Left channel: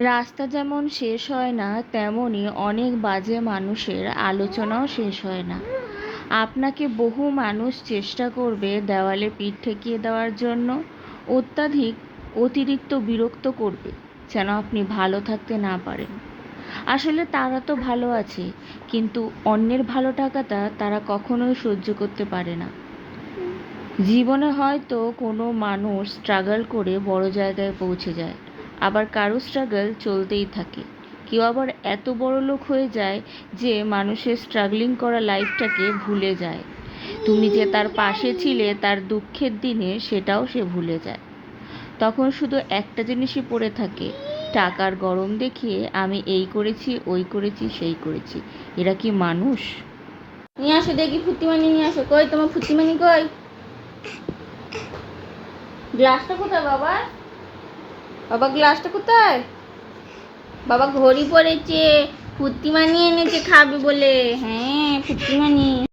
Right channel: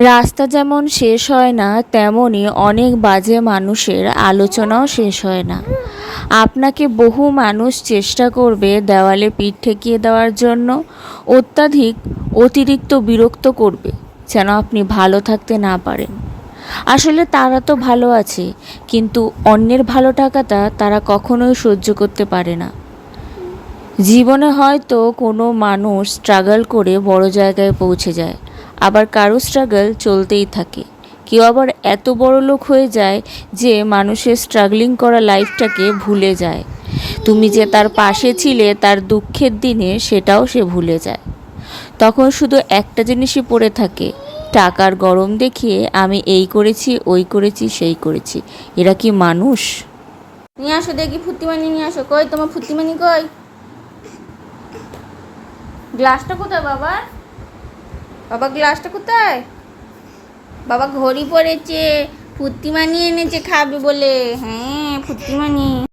রাস্তা যেমন শেষ হয় না, তেমনই অনেক বাজে মানুষের আলোচনাও শেষ হয় না। আপনাকে বহু মানুষ চেষ্টা করবে দেওয়ালে পিঠ ঠেকিয়ে দেওয়ার জন্য, অতিরিক্ত বিরক্ত করবে যেন আপনি ভালো থাকতে না পারেন। আসলে তারা তো ভালো আছে, কিন্তু অন্যের ভালো থাকাটা তারা কখনোই সহ্য করতে পারে না। জীবনে হয়তো কোনো মানুষ স্ট্রাগল করে বড় জায়গায় পৌঁছে যায়, আবার কারো স্ট্রাগল চলতেই থাকে। কেউ আবার এত বড় লোক হয়ে যায় যে মানুষের স্ট্রাগলিং করা লাইফটাকে ভুলে যায়। তুমি যে তার পাশে ছিলে তার দুঃখের দিনে, সেটাও সে ভুলে যায়। তখন শুধু একটা জিনিসই পড়ে থাকে, টাকার গরম দেখিয়ে আমি এই করেছি, ওই করেছি, সেই করেছি। এরা কি মানুষ? নিয়ে আসো দেখি ফুর্তিমানি নিয়ে আসো। কই তোমার ফুর্তিমানি কই? গ্লাসটা কোথায় বাবা? বাবা গ্লাসটা কোথায়? বাবা ঘড়ি পড়েছে, ফুর্তিমানি এনেছে খাবে বলে। হ্যাঁ ফুর্তিমানি।